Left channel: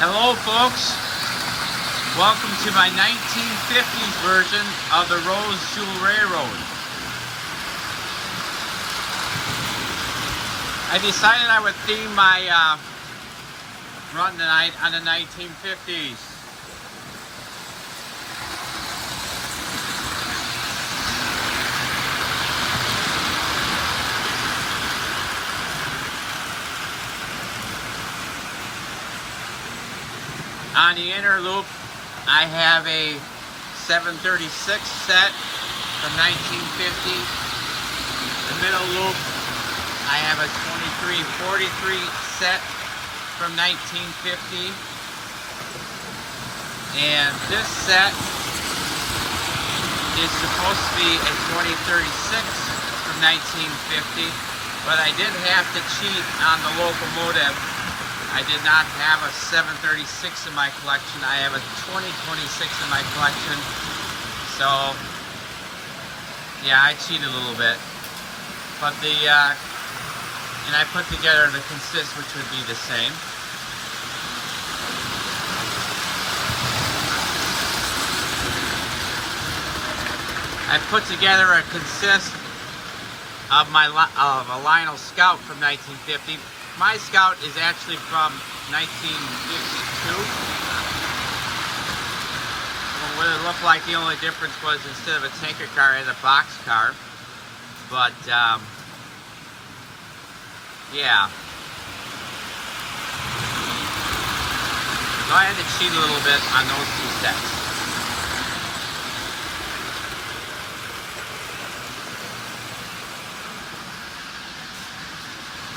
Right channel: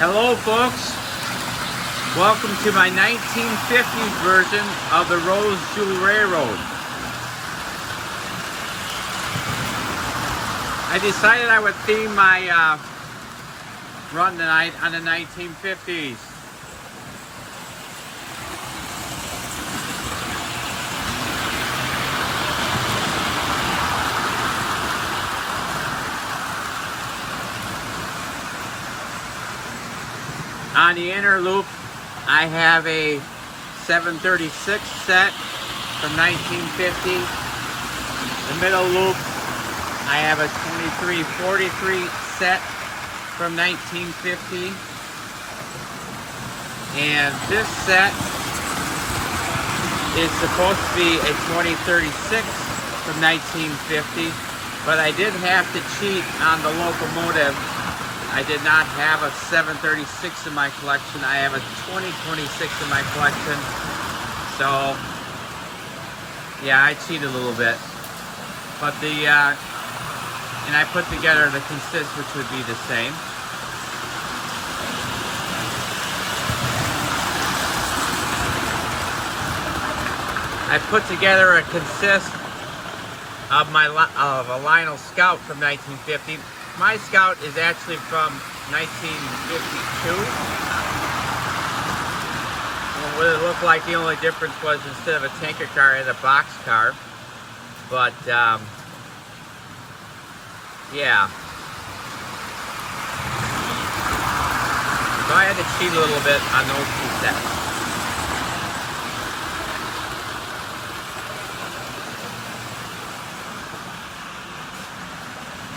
Hello folks, welcome to my 1950s version of the Rose Jewel Railroad. I decided I would theme my run tonight on the 1950s. On the inner loop, I have a 736 set from 1950. The middle loop, I have a 2343 set from 1950. And this set is supposed to be a 2036 from 1950, but I did have to cheat on the locomotive. I did not have a 736 in my collection. I have a 2026 in my collection. So, yeah, I cheated a little bit. But and I put together the consist, which would be the same. I put together a consist of a Lionel Scout from 1950. My Scout is actually from 1952. What it looked like, the only difference was instead of a tanker car, I had a box car. But, yeah. So I had to cheat a little bit on those two sets.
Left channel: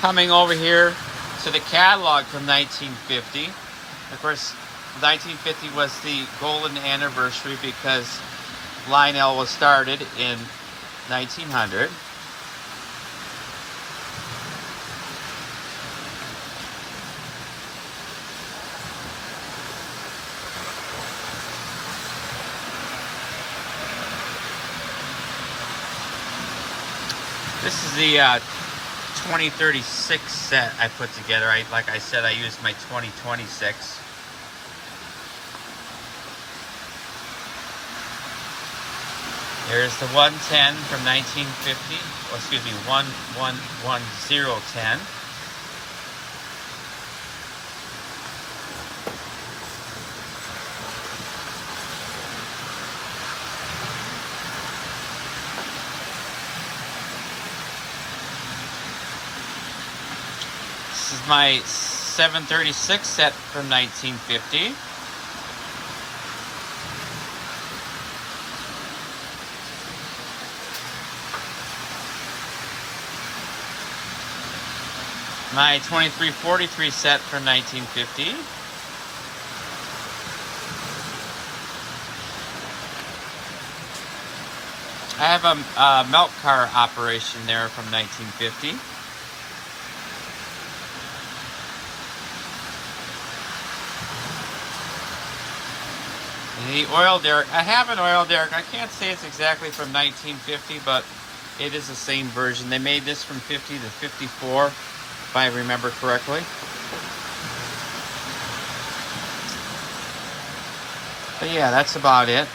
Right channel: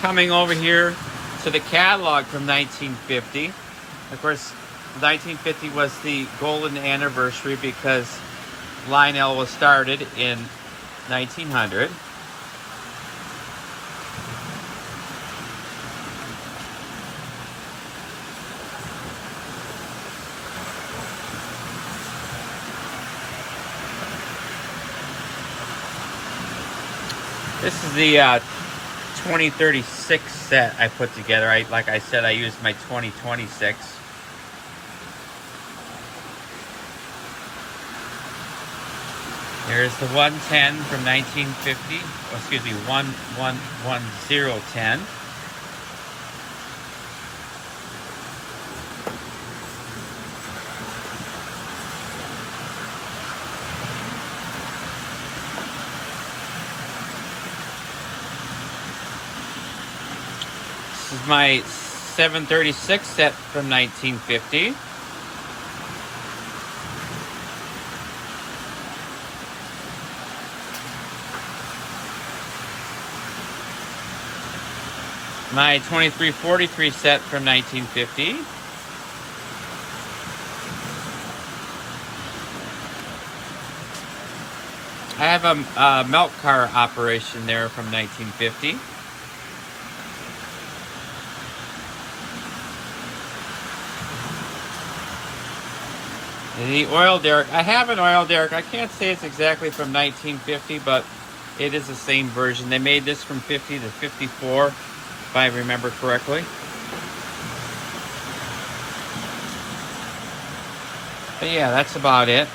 Coming over here to the catalog from 1950. Of course, 1950 was the golden anniversary because Lionel was started in 1900. This is the 2036 set I put together. Like I said, I used my 2026. Here's the 110 from 1950. Oh, excuse me, 1110. This is my 736 set from 1950. My 2343 set from 1950. I have a milk car operation there from 1950. The oil derrick, I have an oil derrick. I can't say it's exactly from 1950, but it is the same version. They made this from 50 to 54, if I remember correctly. But yeah, that's about it.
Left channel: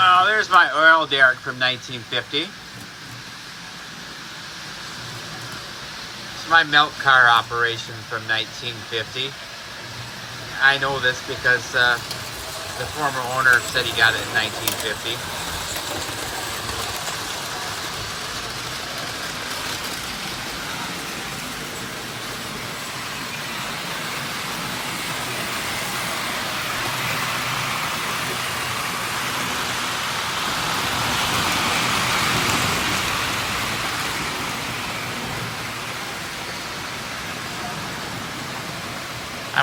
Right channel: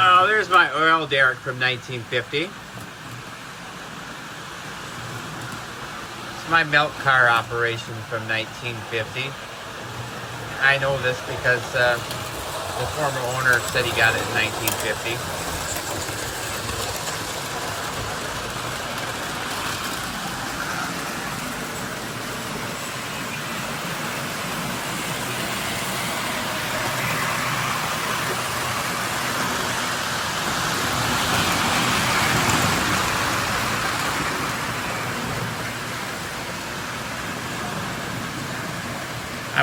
Oh, there's my oil derrick from 1950. It's my milk car operation from 1950. I know this because the former owner said he got it in 1950.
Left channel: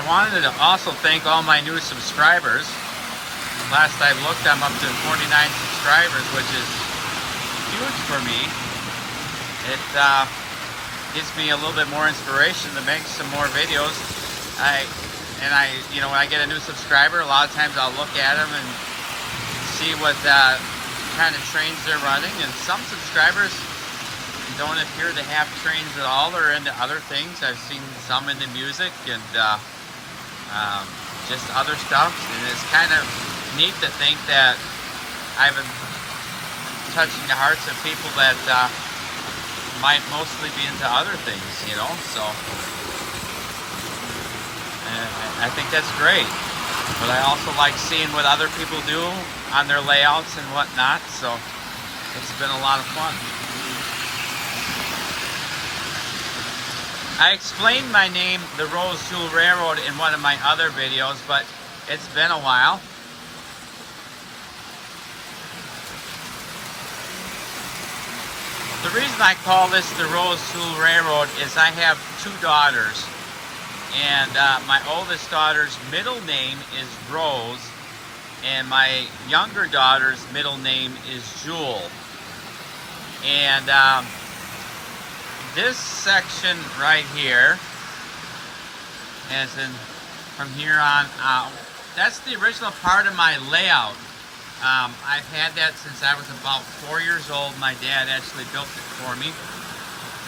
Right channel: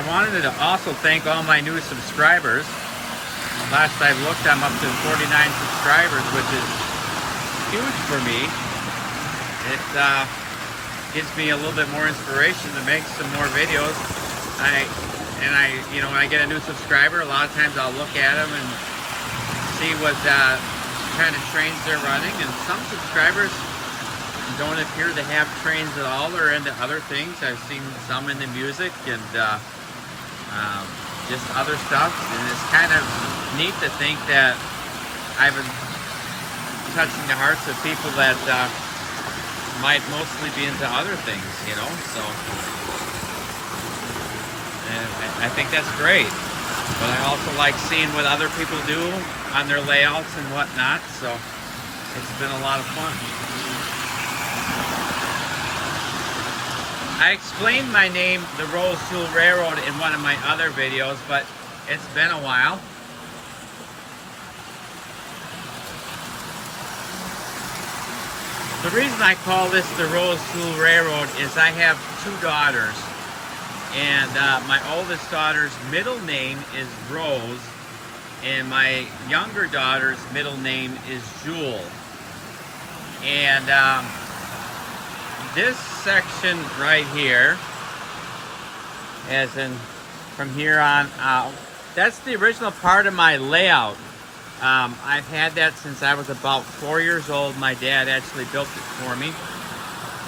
wanted to also thank all my new subscribers. Last I looked, I'm up to 49 subscribers, which is huge for me. It gives me a little bit more inspiration to make some more videos. You know, when I get a new subscriber, a lot of times I'll look at them and see what kind of trains they're running. And some subscribers don't appear to have trains at all. They're into other things. I've seen some into music and just other stuff. And it's kind of neat to think that I've been touching the hearts of people that might mostly be into other things, you know. So, and I think that's great. But I also like seeing what other people do on their layouts and whatnot. So it's been a lot of fun. I explained my name, the Rose Jewel Railroad, in one of my other videos, but it's been a while. The reason I call this the Rose Jewel Railroad is I have two daughters, and my oldest daughter's middle name is Rose, and my younger daughter's middle name is Jewel. And this section right here, as in from here on out, that's the original part of my layout. I've had that since I was about 4 years old. My dad actually built it for me.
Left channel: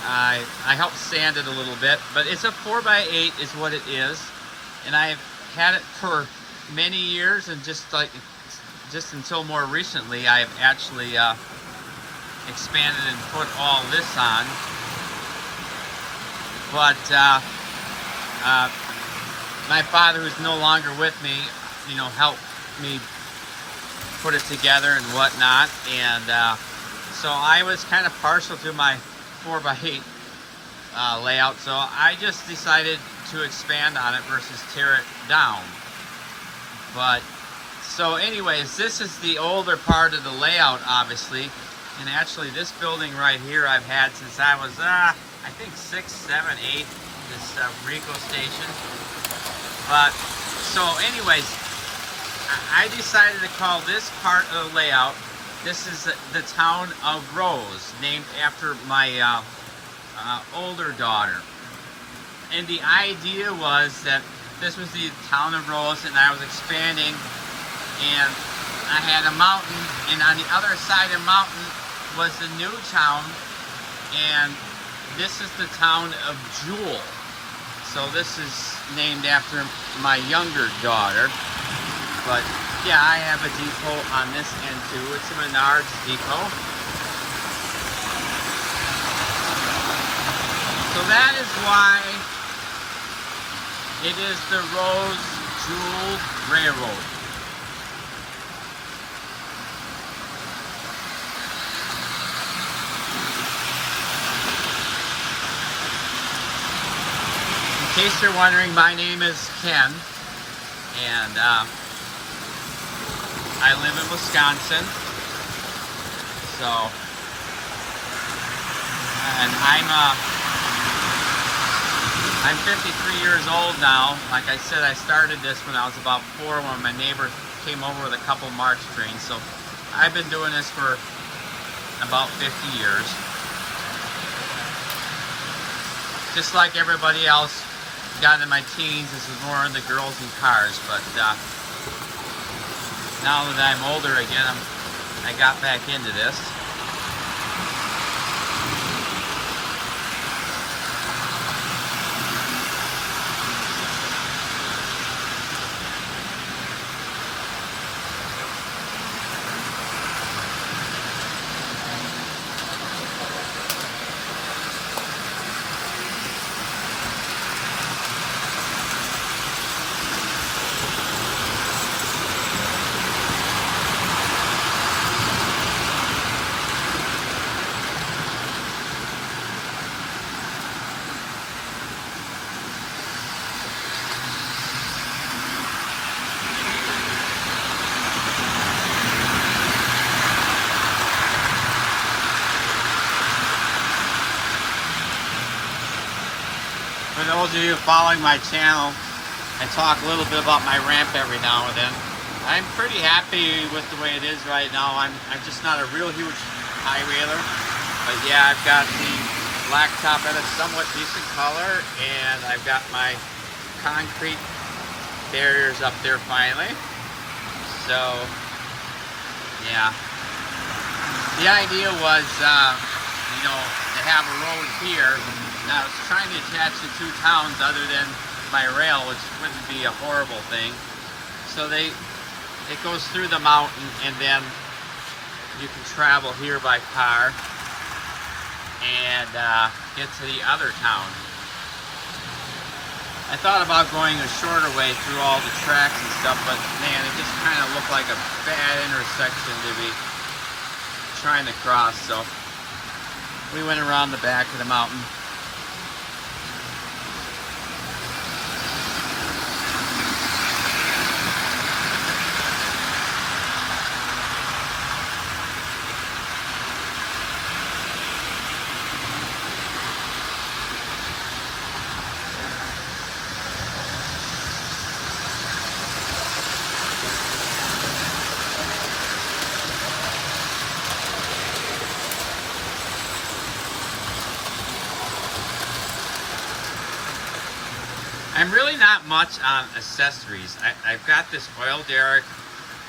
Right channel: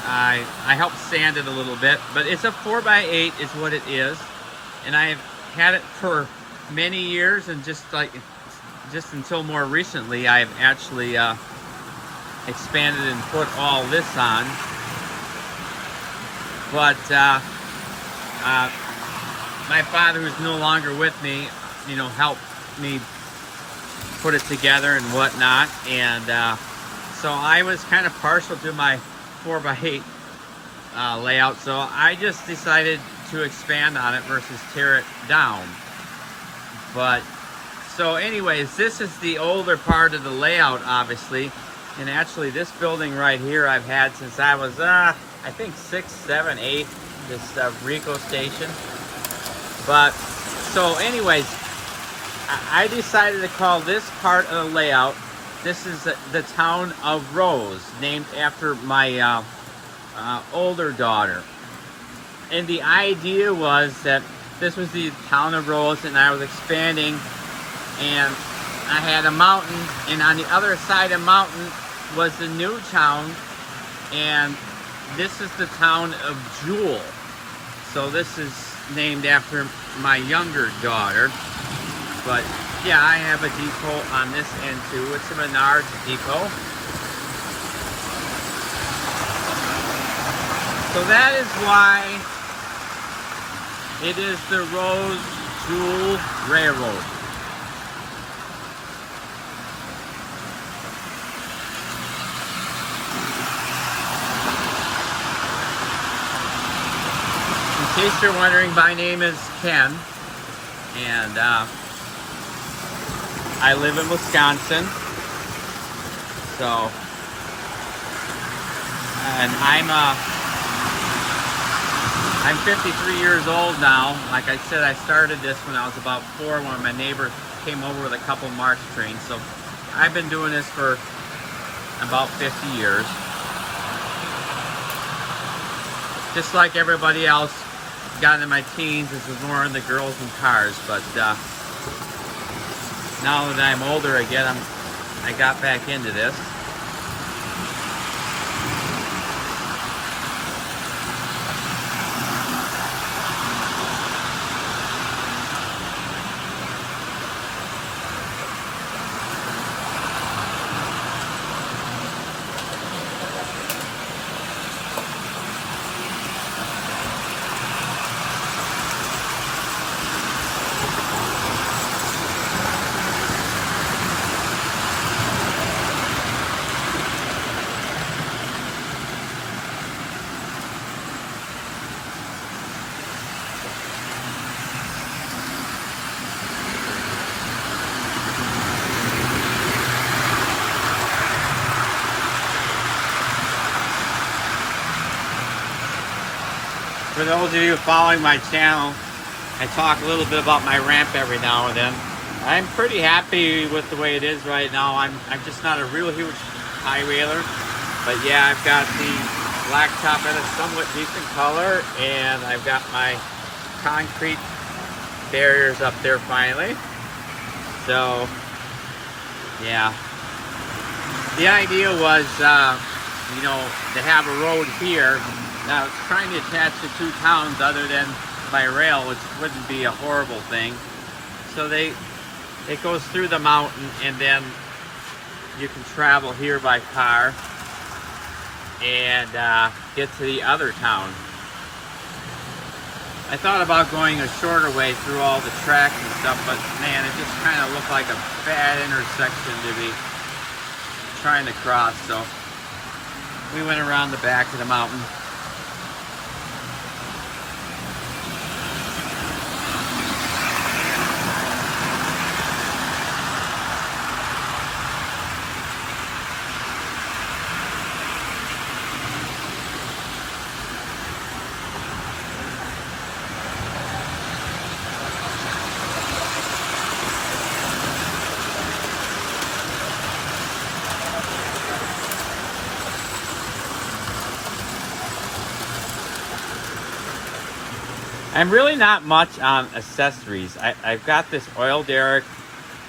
I helped sand it a little bit, but it's a 4x8 is what it is. And I've had it for many years, and just until more recently, I've actually expanded and put all this on. But my father, who's no longer with me, you know, helped me put it together and whatnot. And so I was kind of partial to my 4x8 layout, so I just decided to expand on it versus tear it down. But so anyways, this is the older part of the layout, obviously. And actually this building right here I've had since I was I think 6, 7, 8, this Rico station. But so anyways, I decided to call this part of the layout, this is the town of Rose, named after my older daughter. And the idea was that this was the town of Rose, and I was expanding, and I had a mountain, and on the other side of the mountain was the new town, and this is the town of Jewel. So this is named after my younger daughter. But yeah, I have a depot on this end too. It's a Menards depot. So that is why it is the Rose Jewel Railroad. In case you're wondering, my name is Ken, and I live in Wisconsin. So, and I'm 53 years old now. Like I said, I started this when I was about 4 when my neighbor came over with a couple March trains. So I've been doing this for about 50 years. Just like everybody else, got in my teens, this was more in the girls and cars, but now that I'm older again, I got back into this. For those of you following my channel, I talk a little bit about my ramp every now and then. I'm pretty happy with the way it is right now. I'm just not a real huge high railer, but yeah, I've got the blacktop in a somewhat decent color, and I've got my concrete barriers up there finally. So yeah, the idea was, you know, to have a road here. Now I was trying to attach the two towns other than by rail, which wouldn't be a horrible thing. So it goes through the mountain, and then you can travel here by car and get to the other town. I thought about going a shorter way through all the tracks and stuff, but man, it just kind of looked like a bad intersection to be trying to cross, so we went around the back of the mountain. I'm really not much on accessories. I've got this oil derrick,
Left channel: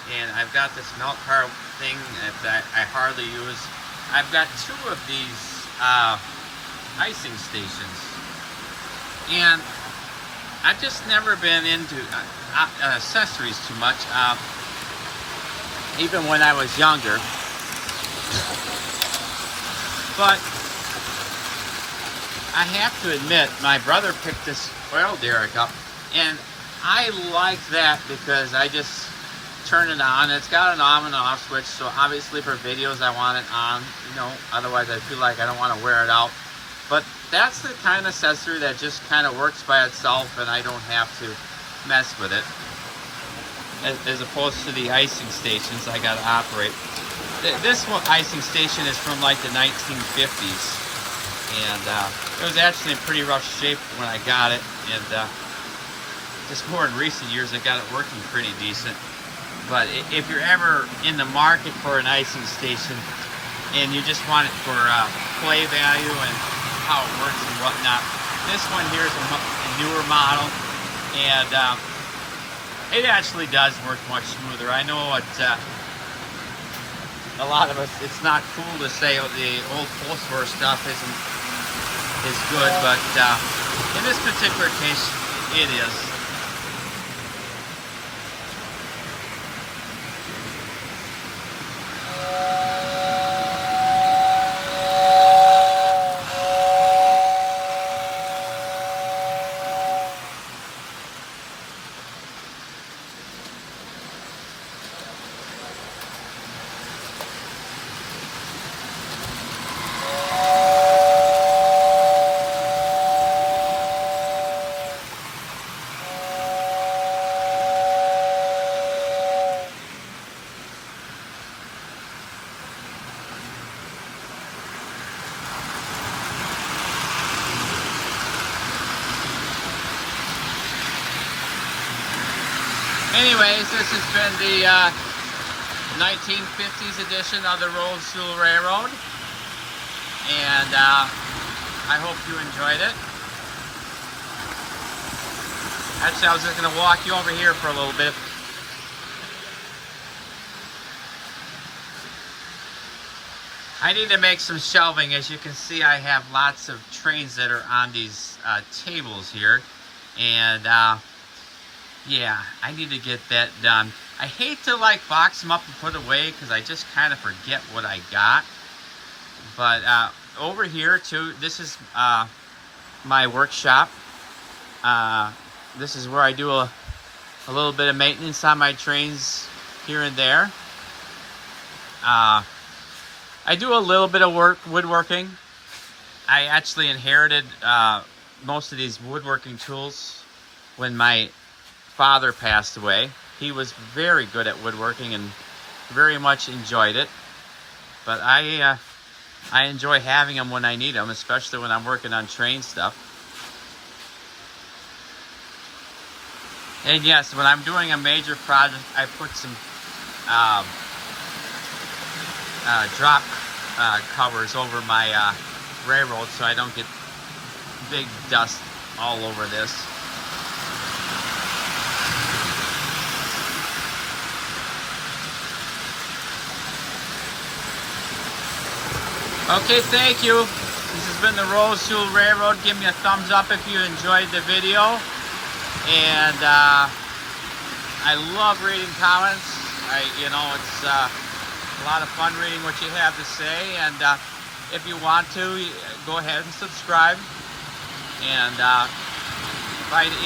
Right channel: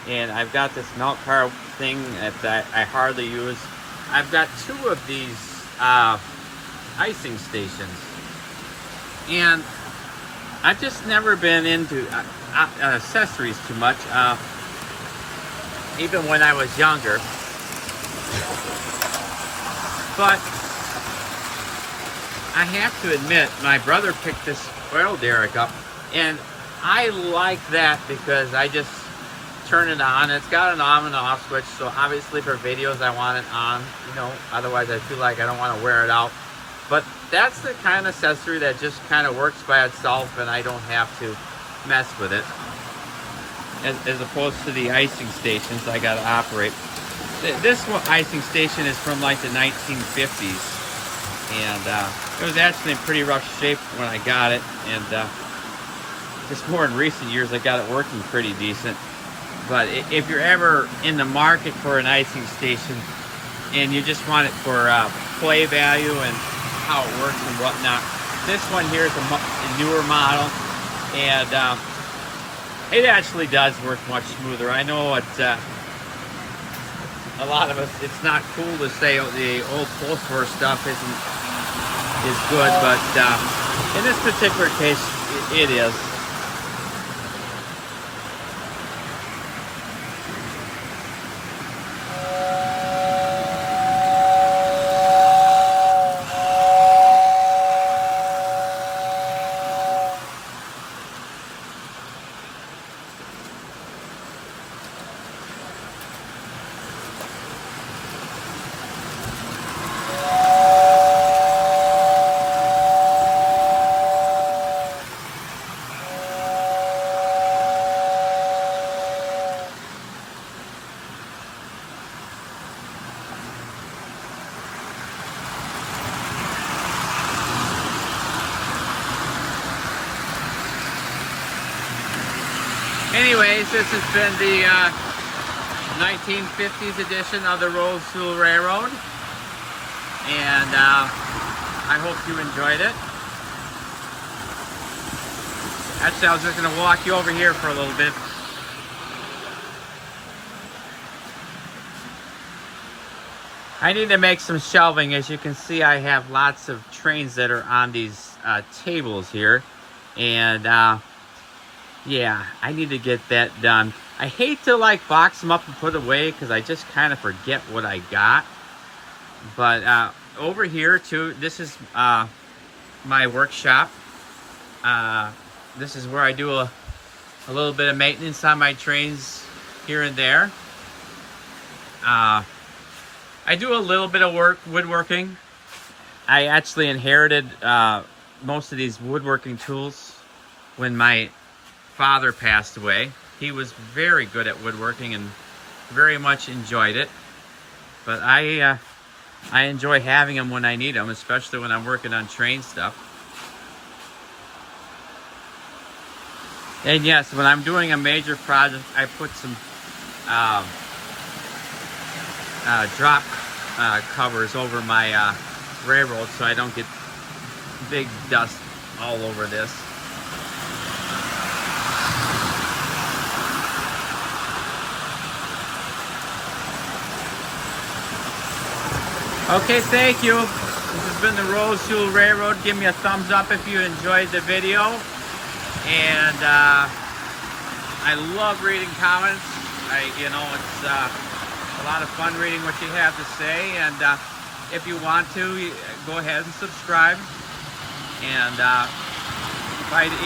and I've got this melt car thing that I hardly use. I've got two of these icing stations, and I've just never been into accessories too much, even when I was younger. But I have to admit, my brother picked this oil derrick up, and I like that because I just turn it on. It's got an on and off switch, so obviously for videos I want it on, you know, otherwise I feel like I don't want to wear it out. But that's the kind of accessory that just kind of works by itself, and I don't have to mess with it, as opposed to the icing stations I got to operate. This one icing station is from like the 1950s, and it was actually in pretty rough shape when I got it, and just more in recent years I got it working pretty decent. But if you're ever in the market for an icing station and you just want it for play value and how it works and whatnot, this one here is a newer model, and it actually does work much smoother. I know it, a lot of us, it's not cool to say the old post-war stuff is good, but in this particular case, it is. Anyways, this has been the 1950s edition of the Road School Railroad, and I hope you enjoyed it. Actually, I was just going to walk you over here for a little bit. I need to make some shelving. As you can see, I have lots of trains that are on these tables here, and yeah, I need to get that done. I hate to like box them up and put away because I just kind of forget what I got. But over here too, this is my workshop. This is where I do a little bit of maintenance on my trains here and there. I do a little bit of woodworking. I actually inherited most of these woodworking tools when my father passed away. He was very good at woodworking and very much enjoyed it. But I enjoy having them when I need them, especially when I'm working on train stuff. And yes, when I'm doing a major project, I put some drop covers over my railroad so I don't get big dust all over this. Okay, thank you. This has been the Roseville Railroad. Give me a thumbs up if you enjoyed the video. And I love reading comments. It's a lot of fun reading what you have to say. And if you want to, go ahead and subscribe. And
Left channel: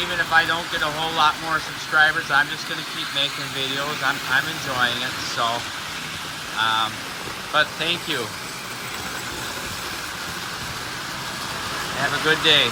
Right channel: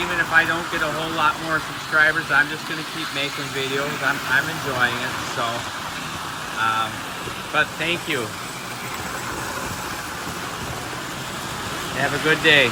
even if I don't get a whole lot more subscribers, I'm just going to keep making videos. I'm enjoying it. So, but thank you. Have a good day.